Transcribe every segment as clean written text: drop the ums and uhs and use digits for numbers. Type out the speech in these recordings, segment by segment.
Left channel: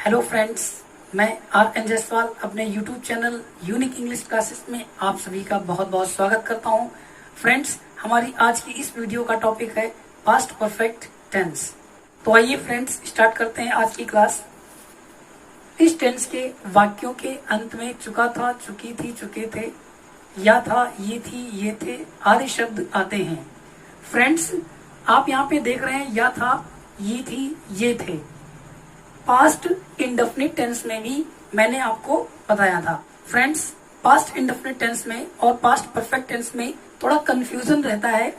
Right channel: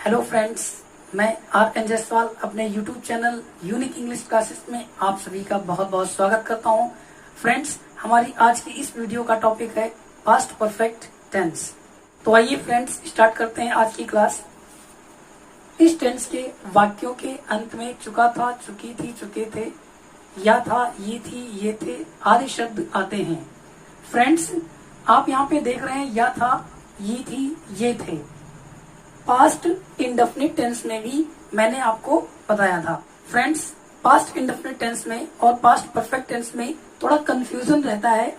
Hello friends, मैं are N Jaiswal अपने YouTube channel unique English classes में आप सभी का बहुत बहुत स्वागत करता हूं। फ्रेंड्स, हमारी आज की इस वीडियो का टॉपिक है पास्ट परफेक्ट टेंस। तो आइए फ्रेंड्स स्टार्ट करते हैं आज की क्लास। इस टेंस के वाक्यों के अंत में चुका था, चुकी थी, चुके थे, या था, ये थी, ये थे आदि शब्द आते हैं। फ्रेंड्स, आप यहाँ पे देख रहे हैं या था, ये थी, ये थे। पास्ट इंडेफिनिट टेंस में भी मैंने आपको बताया था। फ्रेंड्स, पास्ट इंडेफिनिट टेंस में और पास्ट परफेक्ट टेंस में थोड़ा कंफ्यूजन रहता है,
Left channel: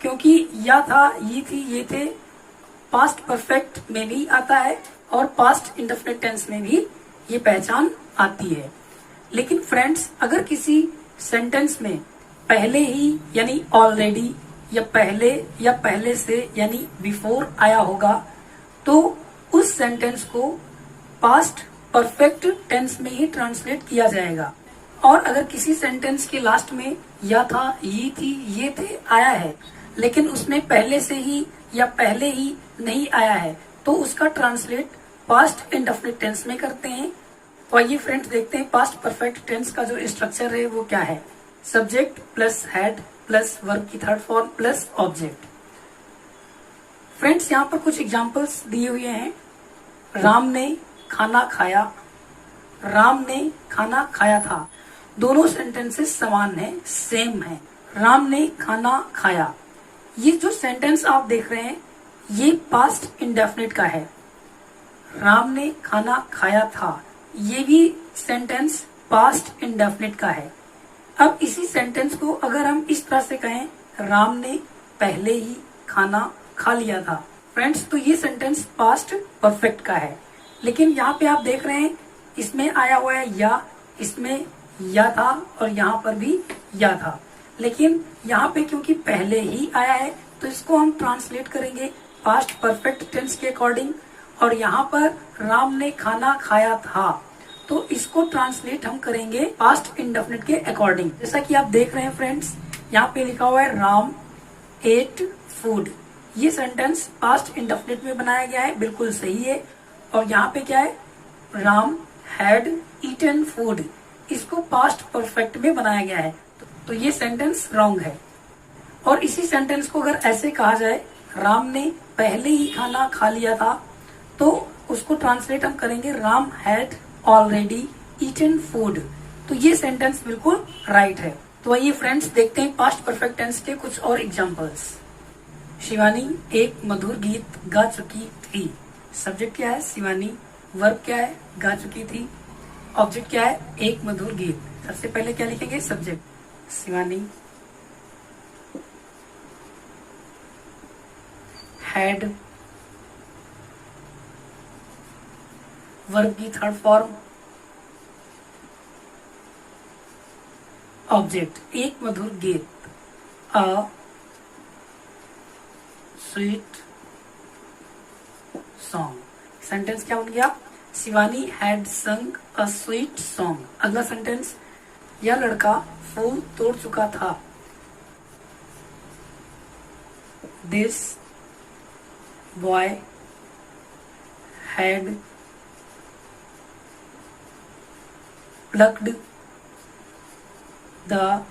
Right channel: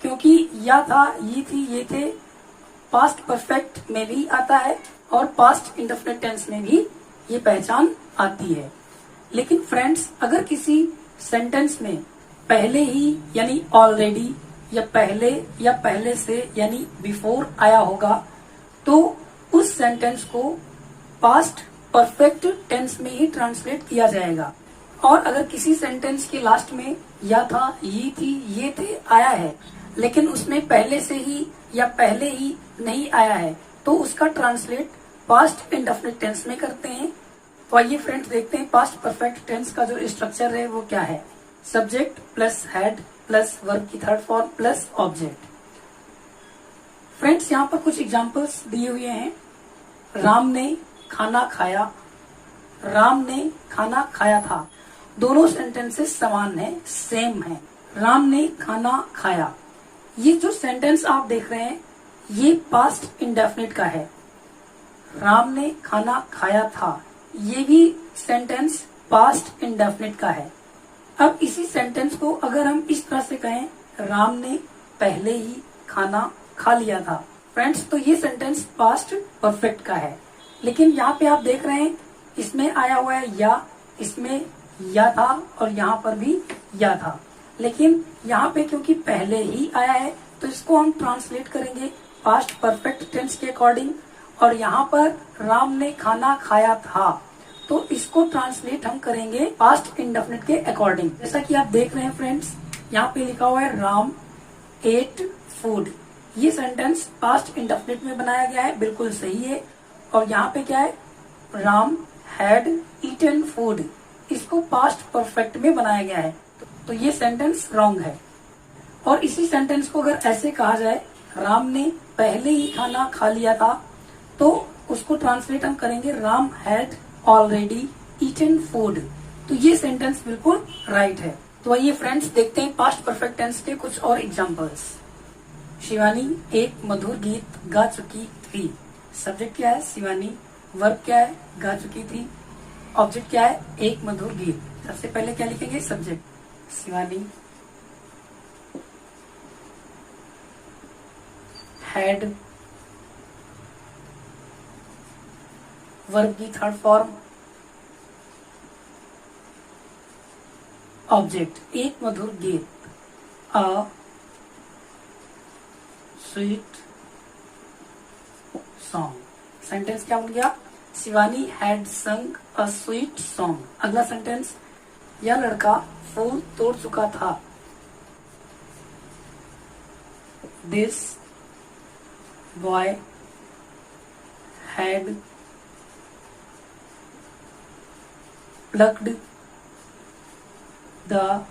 क्योंकि या था, ये थी, ये थे पास्ट परफेक्ट में भी आता है और पास्ट इंडेफिनिट टेंस में भी ये पहचान आती है। लेकिन फ्रेंड्स, अगर किसी सेंटेंस में पहले ही यानी ऑलरेडी या पहले से यानी बिफोर आया होगा तो उस सेंटेंस को पास्ट परफेक्ट टेंस में ही ट्रांसलेट किया जाएगा। और अगर किसी सेंटेंस के लास्ट में या था, ये थी, ये थे आया है, लेकिन उसमें पहले से ही या पहले ही नहीं आया है, तो उसका ट्रांसलेट पास्ट इंडेफिनिट टेंस में करते हैं। तो आइए फ्रेंड्स देखते हैं पास्ट परफेक्ट टेंस का जो स्ट्रक्चर है वो क्या है। Subject plus head plus verb की third form plus object. Friends, यहाँ पर कुछ एग्जाम्पल्स दिए हुए हैं। राम ने खाना खाया, राम ने खाना खाया था। दोनों सेंटेंसेस समान है, सेम है। राम ने खाना खाया, ये जो सेंटेंस आप देख रहे हैं ये पास्ट इंडेफिनिट का है। राम ने खाना खाया था, ये भी सेंटेंस पास्ट इंडेफिनिट का है। अब इसी सेंटेंस को अगर हम इस तरह से कहें, राम ने पहले ही खाना खा लिया था, फ्रेंड्स, तो ये सेंटेंस पास्ट परफेक्ट का है। लेकिन यहाँ पे आप देख रहे हैं इसमें आया हुआ है या, इसमें या था और यहाँ पर भी या था। लेकिन यहाँ पे क्योंकि पहले ही आया है तो इसको हम ट्रांसलेट करेंगे पास्ट परफेक्ट टेंस के अकॉर्डिंग। और यहाँ पर राम ने खाना खाया था तो इसको ट्रांसलेट हम करेंगे पास्ट इंडेफिनिट के अकॉर्डिंग। जैसा कि आप देख रहे हैं फ्रेंड्स, यहाँ पे लिखा हुआ है राम एट फूड। ये सेंटेंस पास्ट इंडेफिनिट में बनाया गया है, बिल्कुल सही है। और यहाँ पे क्या है, राम हैड ईटन फूड, इसको पास्ट परफेक्ट में बनाया गया है, तो ये सेंटेंस रॉन्ग है। और इसी सेंटेंस को अगर ऐसे कहा जाए, राम ने पहले ही खाना खा लिया था, तो उसको ट्रांसलेट हम करेंगे Ram had already eaten food, तो ये सेंटेंस बिल्कुल राइट है। तो आइए फ्रेंड्स देखते हैं पास्ट परफेक्ट टेंस के कुछ और एग्जांपल्स। शिवानी एक मधुर गीत गा चुकी थी। सब्जेक्ट क्या है, शिवानी। वर्ब क्या है, गा चुकी थी। ऑब्जेक्ट क्या है, एक मधुर गीत। सबसे पहले क्या लिखेंगे, सब्जेक्ट शिवानी हैड, वर्ब की थर्ड फॉर्म ऑब्जेक्ट एक मधुर गीत, अ स्वीट सॉन्ग। सेंटेंस क्या बन गया, Shivani had sung a sweet song. अगला सेंटेंस, यह लड़का फूल तोड़ चुका था। This boy had plucked the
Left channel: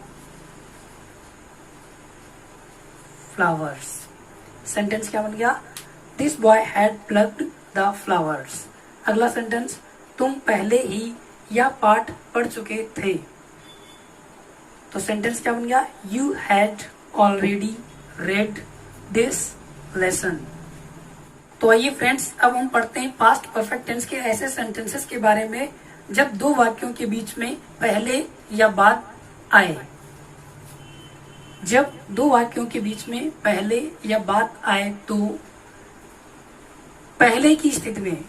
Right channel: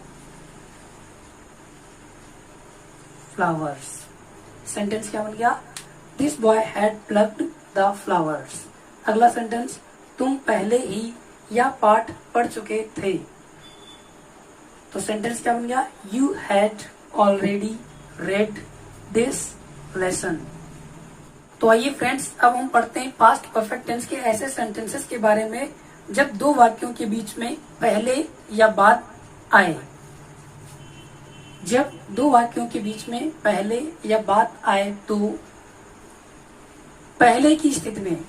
flowers. Sentence क्या बन गया, this boy had plucked the flowers. अगला सेंटेंस, तुम पहले ही यह पाठ पढ़ चुके थे। तो सेंटेंस क्या बन गया, you had already read this lesson. तो आइए फ्रेंड्स, अब हम पढ़ते हैं पास्ट परफेक्ट टेंस के ऐसे सेंटेंसेस के बारे में जब दो वाक्यों के बीच में पहले या बाद आए। जब दो वाक्यों के बीच में पहले या बाद आए तो पहले की स्थिति में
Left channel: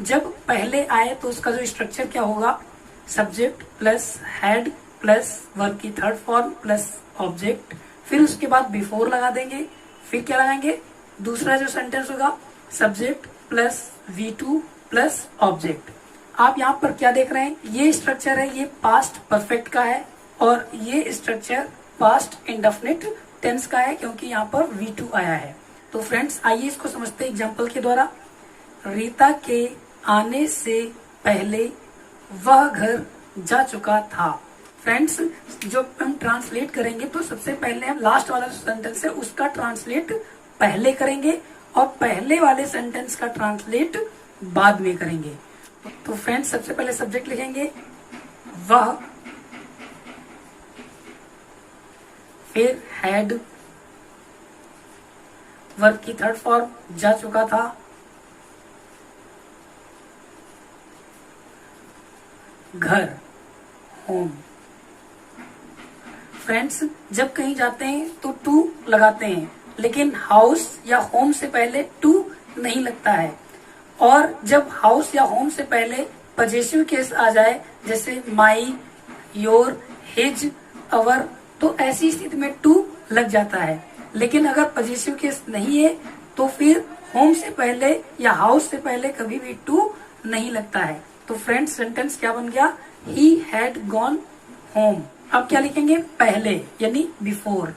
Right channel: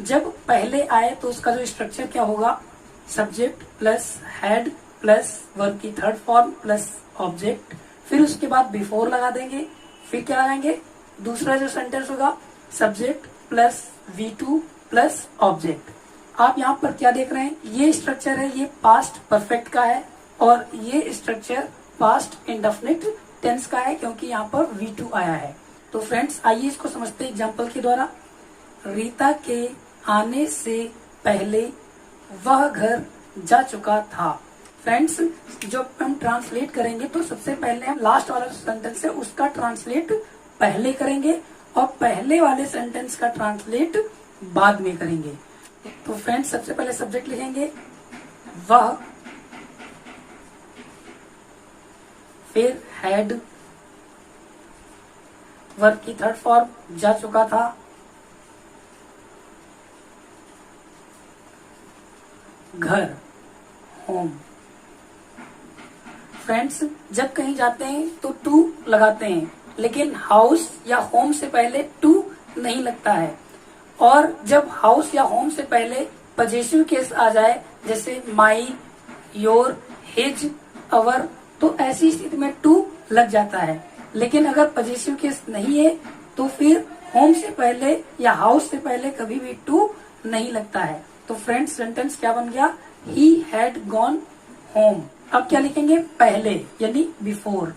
जब पहले आए तो उसका जो स्ट्रक्चर क्या होगा, subject plus had plus verb की थर्ड फॉर्म प्लस ऑब्जेक्ट, फिर उसके बाद बिफोर लगा देंगे, फिर क्या लगाएंगे, दूसरा जो सेंटेंस होगा subject plus V2 plus object. आप यहाँ पर क्या देख रहे हैं, ये स्ट्रक्चर है, ये पास्ट परफेक्ट का है और ये स्ट्रक्चर पास्ट इंडेफिनिट टेंस का है, क्योंकि यहाँ पर V2 आया है। तो फ्रेंड्स आइए इसको समझते हैं एग्जाम्पल के द्वारा। रीता के आने से पहले वह घर जा चुका था। फ्रेंड्स, जो हम ट्रांसलेट करेंगे तो सबसे पहले हम लास्ट वाला सेंटेंस है उसका ट्रांसलेट पहले करेंगे और पहले वाले सेंटेंस का ट्रांसलेट बाद में करेंगे। तो फ्रेंड्स, सबसे पहले सब्जेक्ट लिखेंगे वह, फिर हैड, वर्ब की थर्ड फॉर्म जा चुका था, घर, होम। फ्रेंड्स, जब कहीं जाते हैं तो टू लगाते हैं, लेकिन हाउस या होम से पहले टू नहीं लगता है। और जब हाउस या होम से पहले पजेसिव केस आ जाए, जैसे माई, योर, हिज, अवर, तो ऐसी स्थिति में टू लग जाता है। लेकिन अगर पजेसिव केस नहीं है तो फिर होम से पहले या हाउस से पहले कभी भी टू नहीं लगता है। तो फ्रेंड्स, सेंटेंस क्या बन गया? He had gone home. अब क्या लिखेंगे? पहले, यानी बिफोर।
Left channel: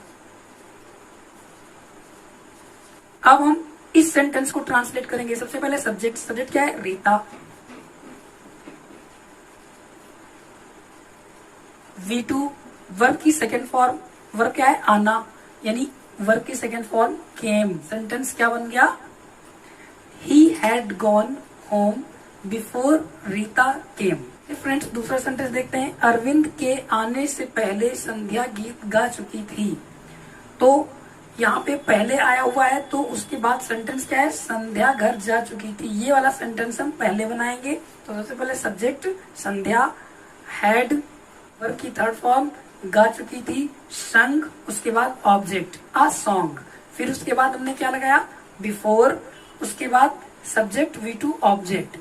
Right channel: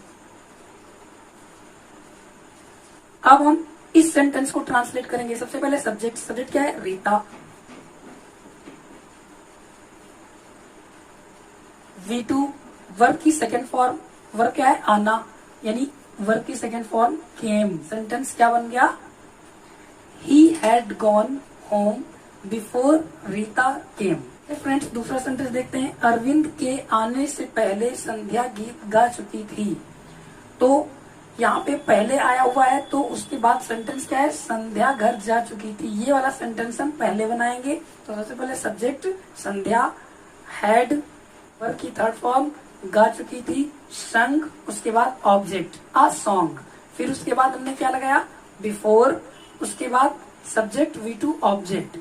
अब हम इस सेंटेंस को ट्रांसलेट करेंगे। सबसे पहले सब्जेक्ट। सब्जेक्ट क्या है? रीता। V2 वर्ब की सेकेंड फॉर्म। वर्ब क्या है? आना, यानी वर्ब की सेकेंड फॉर्म केम। सेंटेंस क्या बन गया? He had gone home before Rita came. Friends, दूसरा सेंटेंस देखते हैं। अरविंद के आने से पहले संध्या गीत गा चुकी थी। तो यहाँ पे पहले आया हुआ है, तो उसके बाद सेंटेंस क्या है? संध्या घर जा चुकी थी। ये वाला सेंटेंस हम पहले बनाएंगे। तो सबसे पहले सब्जेक्ट संध्या, हैड वर्ब की थर्ड फॉर्म गा चुकी थी, संग, उसके बाद ऑब्जेक्ट अ सॉन्ग। फिर उसके बाद हमने क्या लगाया? बिफोर, उसके बाद सब्जेक्ट V2 ऑब्जेक्ट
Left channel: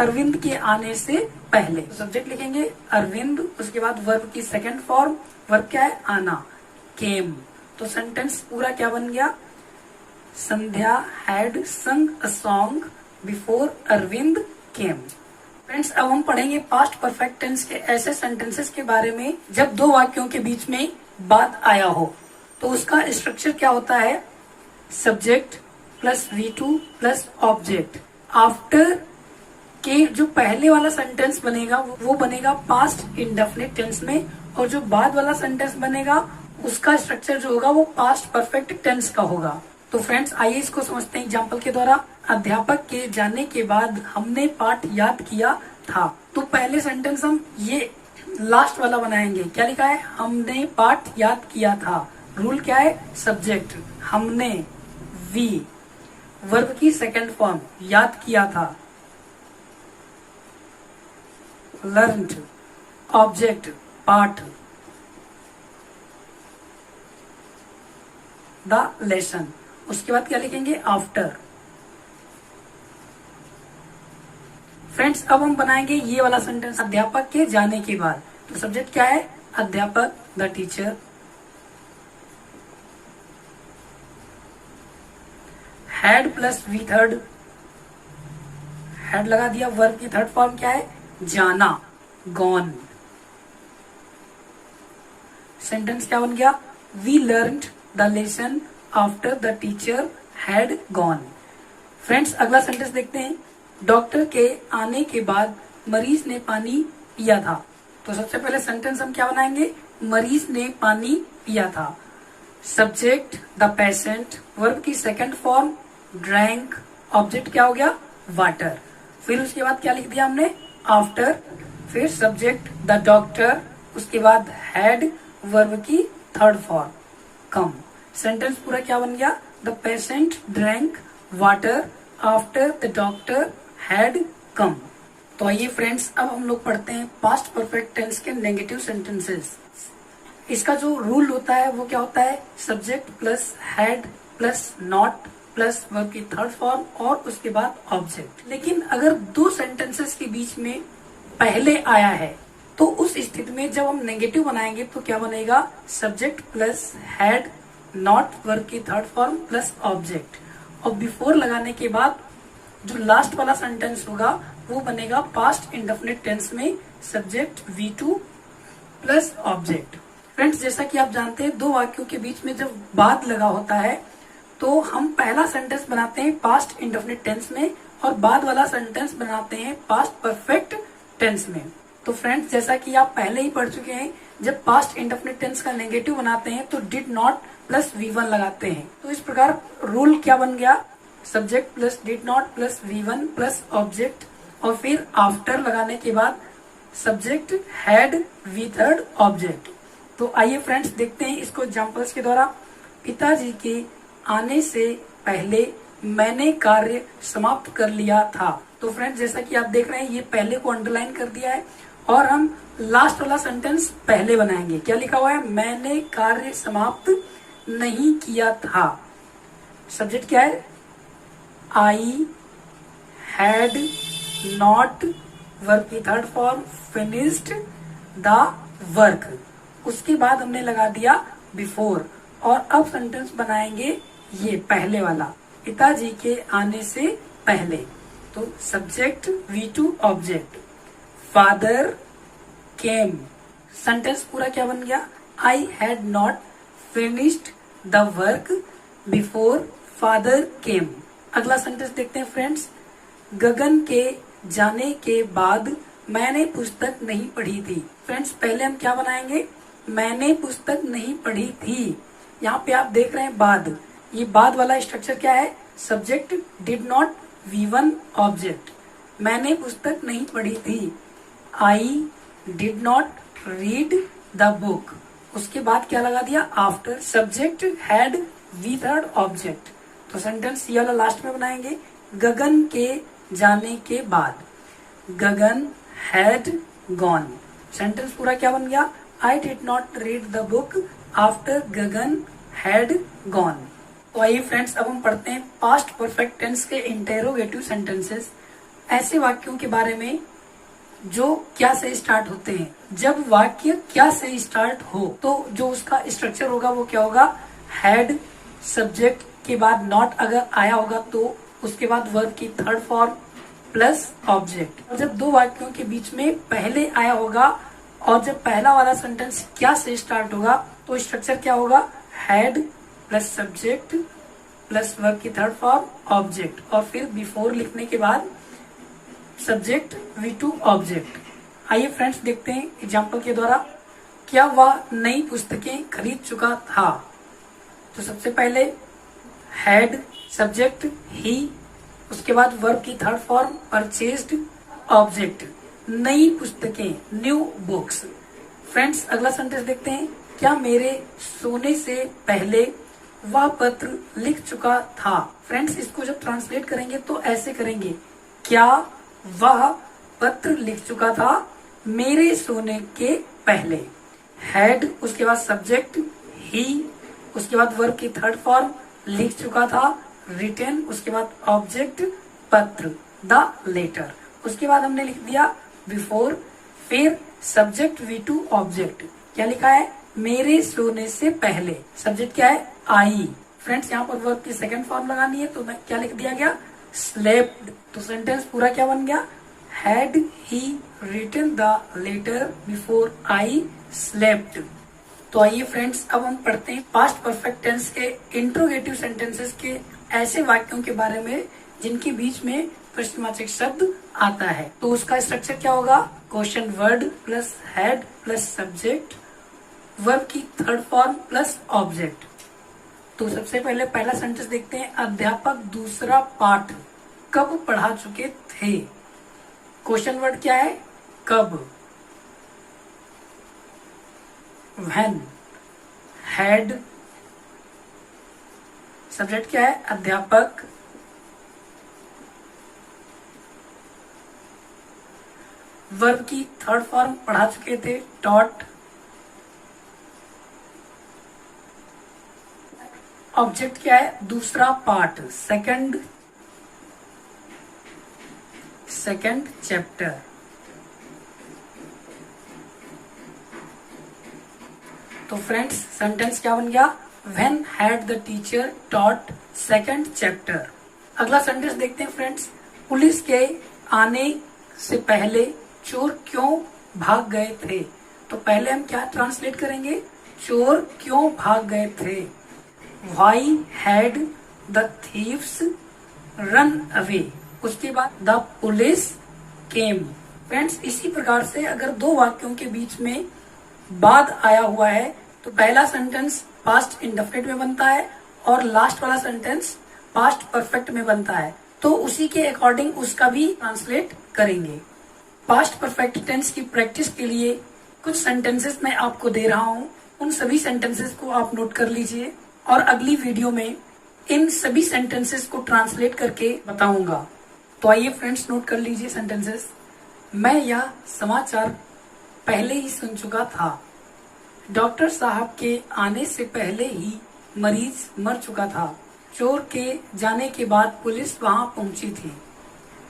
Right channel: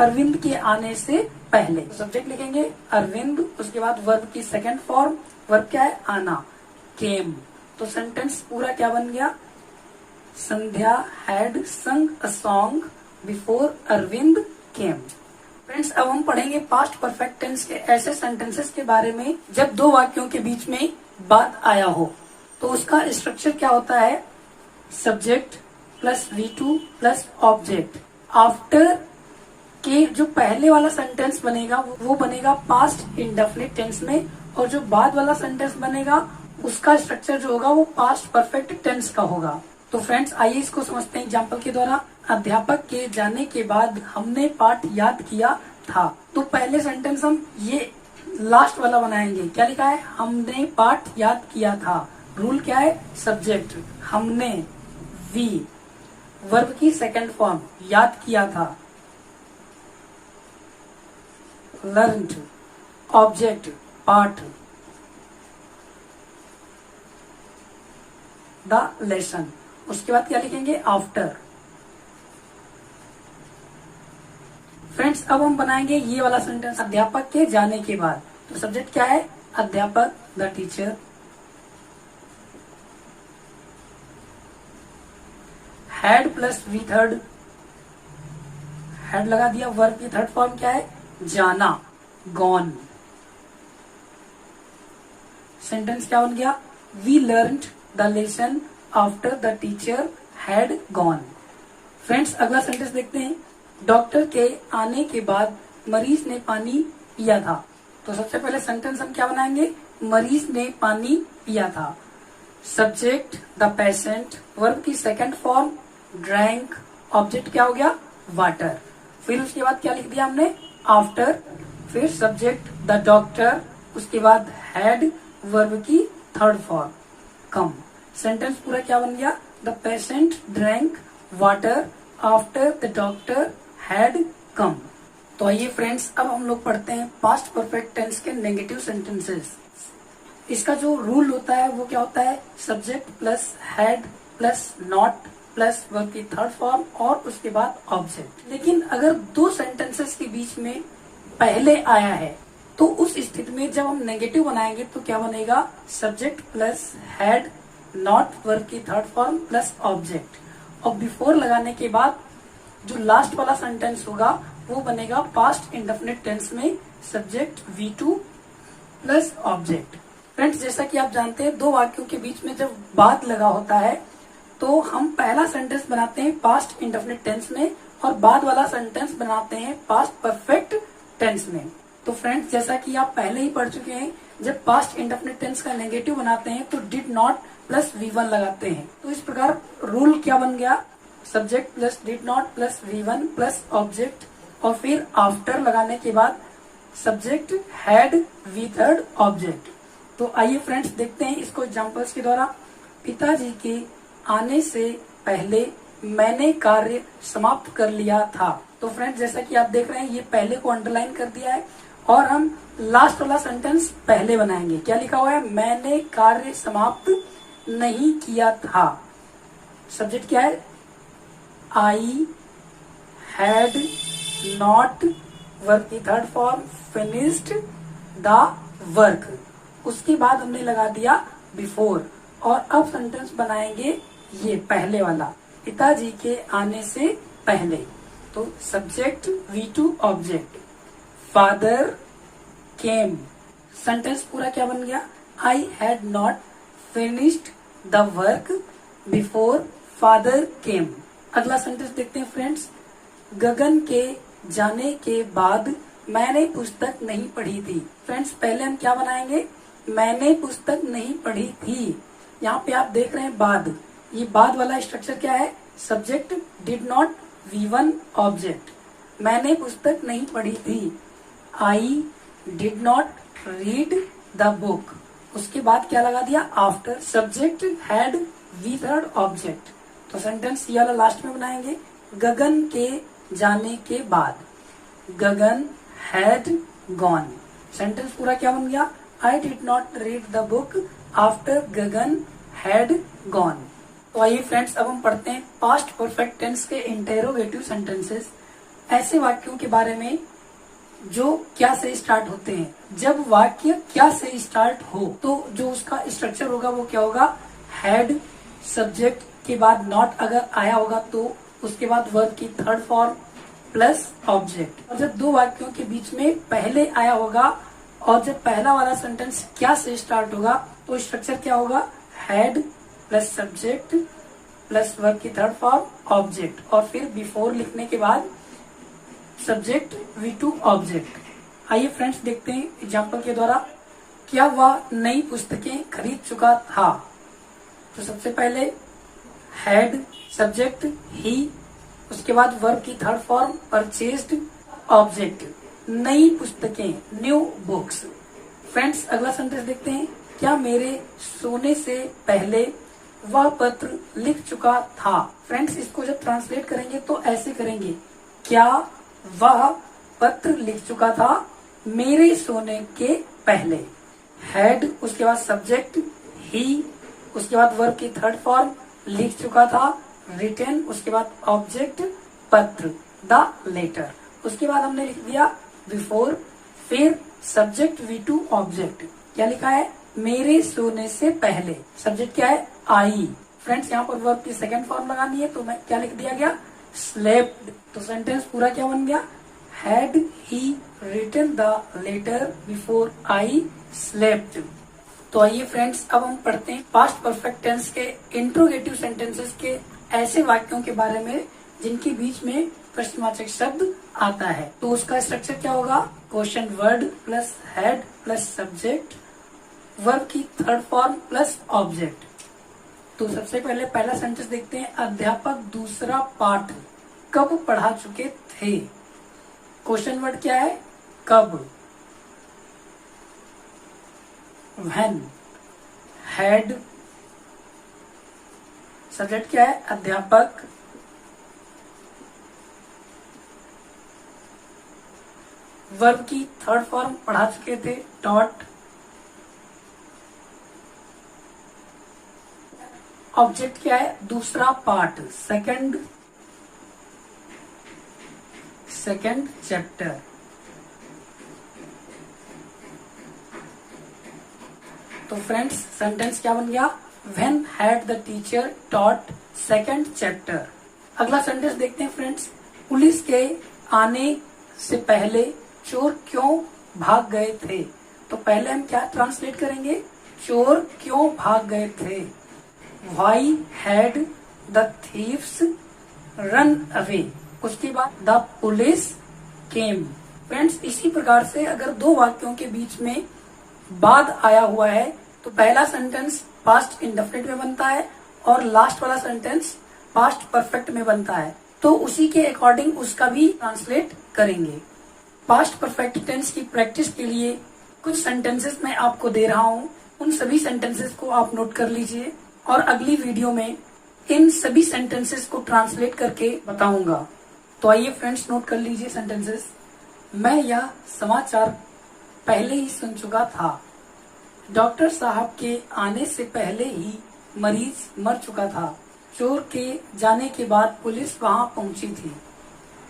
अरविंद के आने से पहले। सब्जेक्ट लिखेंगे अरविंद, उसके बाद वर्ब की सेकेंड फॉर्म। वर्ब क्या है? आना, केम। तो सेंटेंस पूरा क्या बन गया? Sandhya had sung a song before Arvind came. Friends, अब हम पढ़ेंगे पास्ट परफेक्ट टेंस के ऐसे सेंटेंसेस के बारे में जब दो वाक्यों के बीच में बात आया हो। तो उसका स्ट्रक्चर क्या होता है? Subject plus V2 plus object. After के जो पहले वाला सेंटेंस बनेगा वो बनेगा पास्ट इंडेफिनिट टेंस में, और जो बाद वाला सेंटेंस बनेगा उसका स्ट्रक्चर जो होगा वो पास्ट परफेक्ट टेंस का होगा। तो फ्रेंड्स, आइए इसको समझते हैं एग्जाम्पल के द्वारा। अध्यापक के जाने के बाद हमने पाठ याद किया था। तो पहले सेंटेंस हम ये लास्ट वाला बनाएंगे। क्या लिखा है? हमने पाठ याद किया था। रूल क्या है? सब्जेक्ट हमने, वी वर्ब की सेकेंड फॉर्म याद किया था, लर्न्ड ऑब्जेक्ट पाठ, द लेसन। उसके बाद क्या लिखेंगे? आफ्टर। फ्रेंड्स, अब हम बनाएंगे ये वाला सेंटेंस अध्यापक के जाने के बाद। तो सब्जेक्ट क्या है? अध्यापक, the teacher, had plus V third, had लगा दिया। वर्ब की थर्ड फॉर्म क्या है? जाना, गॉन। सेंटेंस क्या बन गया? We learned the lesson after the teacher had gone. Friends, अगला सेंटेंस देखते हैं। डॉक्टर के आने के बाद मरीज ने पानी पिया था। तो सबसे पहले सेंटेंस हम क्या बनाएंगे? मरीज ने पानी पिया था। सब्जेक्ट द पेशेंट, वर्ब की सेकेंड फॉर्म ड्रैंक, ऑब्जेक्ट क्या हो गया? वाटर। फिर उसके बाद क्या लिख दिया हमने? आफ्टर। फिर सब्जेक्ट द डॉक्टर, उसके बाद हैड वर्ब की थर्ड फॉर्म कम। सेंटेंस पूरा क्या बन गया? The patient drank water after the doctor had come. तो आइए फ्रेंड्स, अब हम लोग पढ़ते हैं पास्ट परफेक्ट टेंस के नेगेटिव सेंटेंसेस। इसका जो रूल होता है वो क्या होता है? Subject plus had plus not plus verb की थर्ड फॉर्म और उसके बाद ऑब्जेक्ट। लेकिन अगर दो सेंटेंसेस के बीच में पहले आया है तो उस स्थिति में जब हम नेगेटिव बनाएंगे तो क्या बनेगा? Subject plus had not verb की थर्ड फॉर्म प्लस ऑब्जेक्ट, और बिफोर लगाने के बाद जो लास्ट वाला सेंटेंस होगा वो बनेगा पास्ट इंडेफिनिट टेंस में subject V2 plus object. Friends, जैसा कि आप जानते हैं दो वाक्यों के बीच में जब बाद लगा होता है तो हम पहला सेंटेंस बनाते हैं पास्ट इंडेफिनिट टेंस में और बाद वाला सेंटेंस बनाते हैं पास्ट परफेक्ट टेंस में। तो फ्रेंड्स, जैसा कि आप पहले ही पढ़ चुके हैं, जब पास्ट इंडेफिनिट टेंस का नेगेटिव बनाते हैं तो डिड नॉट प्लस V1 लगाते हैं। तो इस प्रकार रूल क्या बन गया, subject plus did not plus V1 plus object, और फिर आफ्टर लगाने के बाद subject had V third object. तो आइए फ्रेंड्स देखते हैं इसको एग्जांपल्स के द्वारा। पिताजी के आने से पहले मैंने कार्य समाप्त कर लिया था। तो फ्रेंड्स, जैसा कि आप देख रहे हैं, ये पहले को अंडरलाइन कर दिया है और हम लास्ट वाला सेंटेंस पहले बनाएंगे। क्या लिखा हुआ है, मैंने कार्य समाप्त नहीं किया था। सब्जेक्ट क्या है, आई हैड नॉट, वर्क की third form finished the work. उसके बाद हमने लगा दिया बिफोर, और अब सेंटेंस बनाएंगे ये पहले वाला, पिताजी के आने से पहले। तो subject V2 object, father came. Sentence पूरा क्या बन गया, I had not finished the work before father came. अगला सेंटेंस देखते हैं फ्रेंड्स, गगन के जाने के बाद मैंने पुस्तक नहीं पढ़ी थी। फ्रेंड्स, पहले हम क्या बनाएंगे, मैंने पुस्तक नहीं पढ़ी थी। यहाँ पे आप देख रहे हैं बाद, ये बाद वाला स्ट्रक्चर क्या है, subject did not V1 object, मैंने पुस्तक नहीं पढ़ी थी। I did not read the book, उसके बाद क्या लगा दिया, after subject had V third object. तो सेंटेंस ये वाला लास्ट में बनाएंगे, गगन के जाने के बाद, गगन हैड गॉन। सेंटेंस पूरा क्या बन गया, आई did not read the book after Gagan had gone. तो आइए फ्रेंड्स, अब हम पढ़ते हैं पास्ट परफेक्ट टेंस के इंटेरोगेटिव सेंटेंसेस, ऐसे वाक्यों के बारे में जो क्या से स्टार्ट होते हैं। जब वाक्य क्या से स्टार्ट हो तो जो उसका स्ट्रक्चर होगा वो क्या होगा, हैड, सब्जेक्ट के बाद नॉट अगर आया होगा तो उसके बाद वर्ब की थर्ड फॉर्म प्लस ऑब्जेक्ट। और जब दो वाक्यों के बीच में पहले आया होगा और जब पहला वाला सेंटेंस क्या से स्टार्ट होगा तो स्ट्रक्चर क्या होगा, had plus subject plus verb की थर्ड फॉर्म ऑब्जेक्ट, और फिर बिफोर लिखने के बाद सब्जेक्ट V2 ऑब्जेक्ट। आइए फ्रेंड्स देखते हैं एग्जाम्पल के द्वारा, क्या वह नई पुस्तकें खरीद चुका था। तो सबसे पहले हैड, सब्जेक्ट ही, उसके बाद वर्ब की थर्ड फॉर्म परचेज्ड, ऑब्जेक्ट, नई पुस्तकें न्यू बुक्स। फ्रेंड्स अगला सेंटेंस देखते हैं, क्या मेरे सोने से पहले वह पत्र लिख चुका था। फ्रेंड्स इसको जब ट्रांसलेट करेंगे तो ऐसे करेंगे, क्या वह पत्र लिख चुका था मेरे सोने के पहले। हैड, उसके बाद सब्जेक्ट ही, उसके बाद वर्ब की थर्ड फॉर्म लिख चुका था, रिटन, उसके बाद ऑब्जेक्ट पत्र, द लेटर। उसके बाद हमने लिख दिया बिफोर, फिर सब्जेक्ट V2 ऑब्जेक्ट। क्या लिखा है, मेरे सोने से पहले। सब्जेक्ट क्या है, आई। फ्रेंड्स यहाँ पर वर्ब की सेकंड फॉर्म लगानी है तो मैं क्या लिख दिया गया, स्लेप्ड। तो सेंटेंस पूरा क्या बन गया, had he written the letter before I slept. तो आइए फ्रेंड्स अब हम पढ़ते हैं पास्ट परफेक्ट टेंस के इंट्रोगेटिव सेंटेंसेस के ऐसे वाक्यों के बारे में जिनके बीच में प्रश्नवाचक शब्द आता है। तो उसका स्ट्रक्चर क्या होगा, question word plus had plus subject, verb की थर्ड फॉर्म प्लस ऑब्जेक्ट। तो सबसे पहले पहला सेंटेंस देखते हैं, अध्यापक दूसरा पाठ कब पढ़ा चुके थे। क्वेश्चन वर्ड क्या है, कब। व्हेन, हैड, सब्जेक्ट क्या है, अध्यापक, वर्ब की थर्ड फॉर्म पढ़ा चुके थे, टॉट, ऑब्जेक्ट क्या है, दूसरा पार्ट, सेकंड चैप्टर। तो फ्रेंड्स सेंटेंस क्या बन गया, when had the teacher taught second chapter. अगला सेंटेंस देखते हैं फ्रेंड्स, पुलिस के आने से पहले चोर क्यों भाग गए थे। तो पहले हम क्या ट्रांसलेट करेंगे, चोर क्यों भाग गए थे। Why had the thieves run away? उसके बाद द पुलिस केम। फ्रेंड्स, इसी प्रकार से अगर दो वाक्यों के बीच में बाद आया हुआ है तो पहला सेंटेंस पास्ट इंडेफिनिट में बनता है और लास्ट वाला सेंटेंस पास्ट परफेक्ट में बनता है। तो उसी के अकॉर्डिंग उसका भी ट्रांसलेट करेंगे। पास्ट परफेक्ट टेंस की प्रैक्टिस के लिए कुछ सेंटेंसेस मैं आपको दे रहा हूँ, उन सभी सेंटेंसेस को आप नोट कर लीजिए और अगली वीडियो में इन सभी सेंटेंसेस को ट्रांसलेट करके बताऊंगा। तो आइए फ्रेंड्स, नोट कर लीजिए सेंटेंसेस। मैं यह समाचार पहले ही सुन चुका था। डॉक्टर साहब के आने से पहले ही मरीज मर चुका था। चोर के जाने के बाद पुलिस वहां पहुंची थी।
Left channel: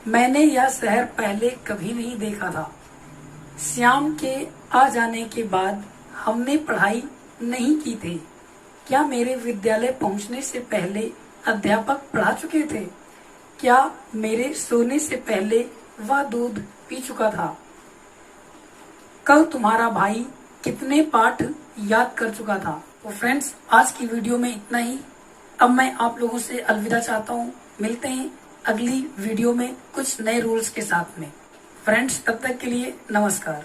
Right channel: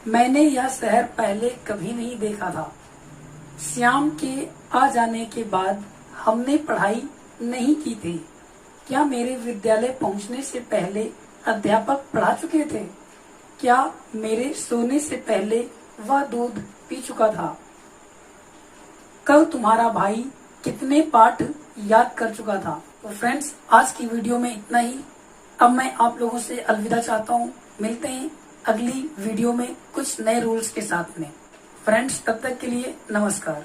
मैंने यह शहर पहले कभी नहीं देखा था। श्याम के आ जाने के बाद हमने पढ़ाई नहीं की थी। क्या मेरे विद्यालय पहुंचने से पहले अध्यापक पढ़ा चुके थे? क्या मेरे सोने से पहले वह दूध पी चुका था? कल तुम्हारा भाई कितने पाठ याद कर चुका था? तो फ्रेंड्स, आज की वीडियो में इतना ही। अब मैं आप लोगों से अलविदा चाहता हूँ। मिलते हैं अगली वीडियो में कुछ नए रूल्स के साथ में। फ्रेंड्स, तब तक के लिए नमस्कार।